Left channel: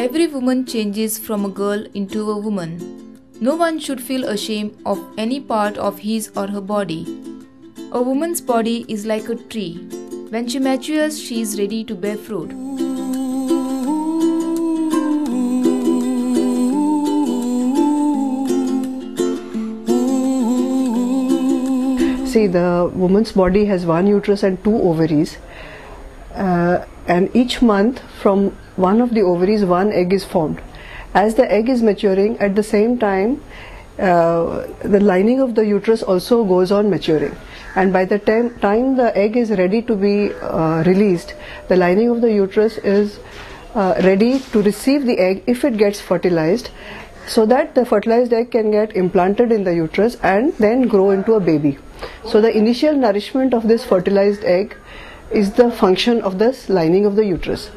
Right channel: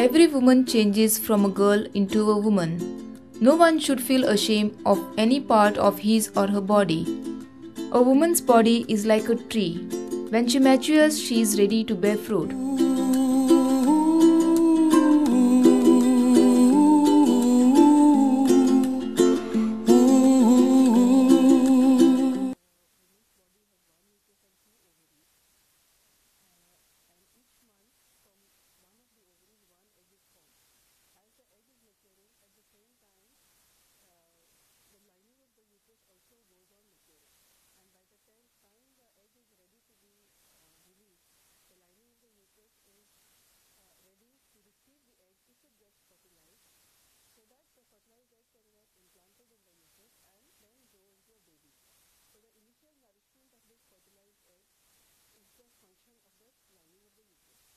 Every woman changes from a girl into a woman. No one should feel ashamed of any part of his or her body. A woman's body is like a tree. When she matures, she is ready to bear fruit. See, the woman's body has one uterus and two ovaries. And each month from one of the ovaries, one egg is formed. As the egg is maturing, at the same time, the lining of the uterus also goes on maturing. And by the time the egg is ready to be released, the lining of the uterus is ready to receive the egg if it gets fertilized, so that the fertilized egg can get implanted in the uterus and then grow into a baby. So the initial nourishment of this fertilized egg is the function of this lining of the uterus.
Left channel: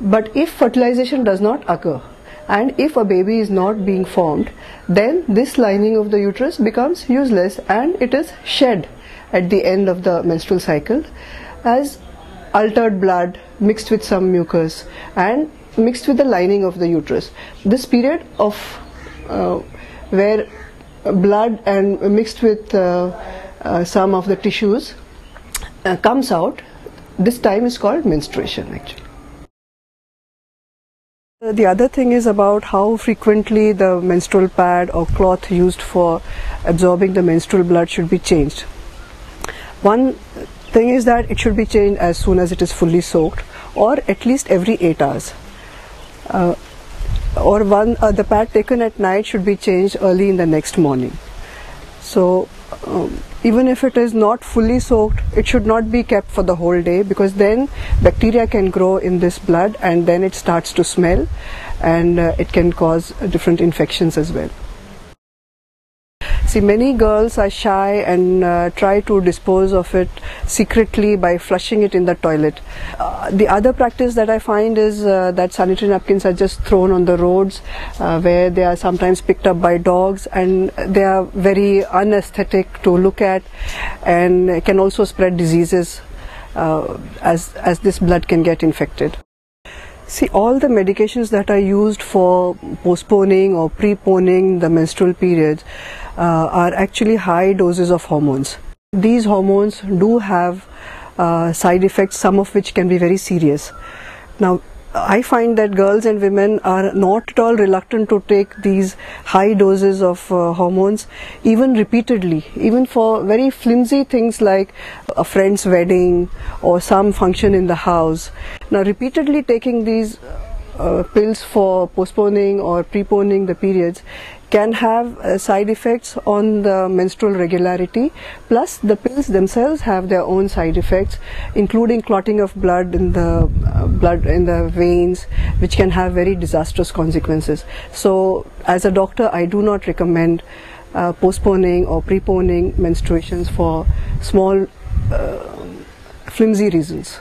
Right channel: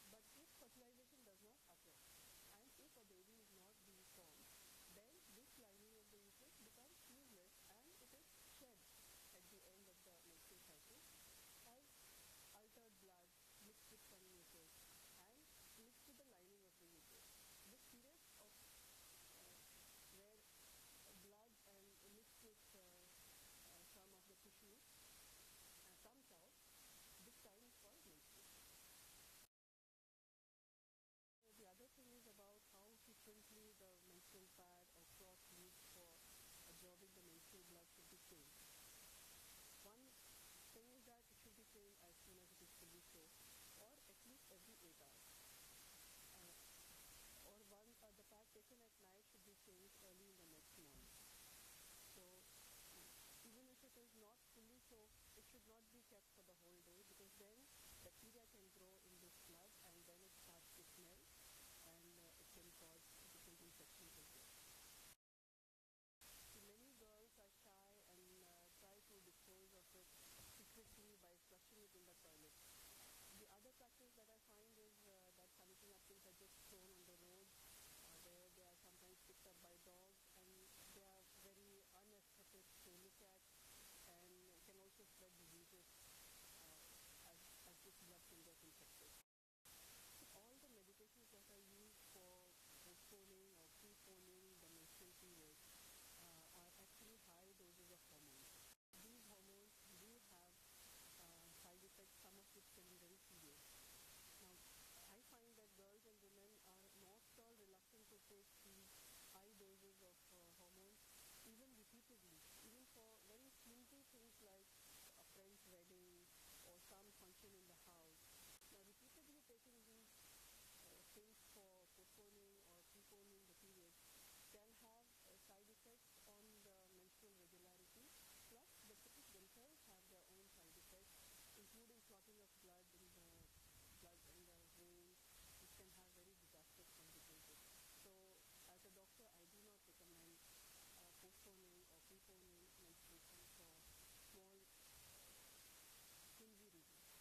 But if fertilization does not occur and if a baby is not being formed, then this lining of the uterus becomes useless and it is shed at the end of the menstrual cycle as altered blood mixed with some mucus and mixed with the lining of the uterus. This period of where blood and mixed with some of the tissues comes out, this time is called menstruation actually. The other thing is about how frequently the menstrual pad or cloth used for absorbing the menstrual blood should be changed. One thing is that it should be changed as soon as it is fully soaked, or at least every 8 hours. The pad taken at night should be changed early in the next morning. So even if it is not fully soaked, it should not be kept for the whole day, because then bacteria can grow in this blood and then it starts to smell and it can cause different infections as well. See, many girls are shy and try to dispose of it secretly by flushing it in the toilet. The other practice that I find is that sanitary napkins are just thrown on the roads where they are sometimes picked up by dogs, and they are very unaesthetic to look at and can also spread diseases as this blood can get infected. See, all the medications that are used for postponing or preponing the menstrual periods are actually high doses of hormones. These hormones do have side effects, some of which can be very serious. Now, I find that girls and women are not at all reluctant to take these high doses of hormones, even repeatedly, even for very flimsy things like a friend's wedding or some function in the house. Now, repeatedly taking these pills for postponing or preponing the periods can have side effects on the menstrual regularity, plus the pills themselves have their own side effects, including clotting of blood in the veins, which can have very disastrous consequences. So as a doctor, I do not recommend postponing or preponing menstruations for small flimsy reasons.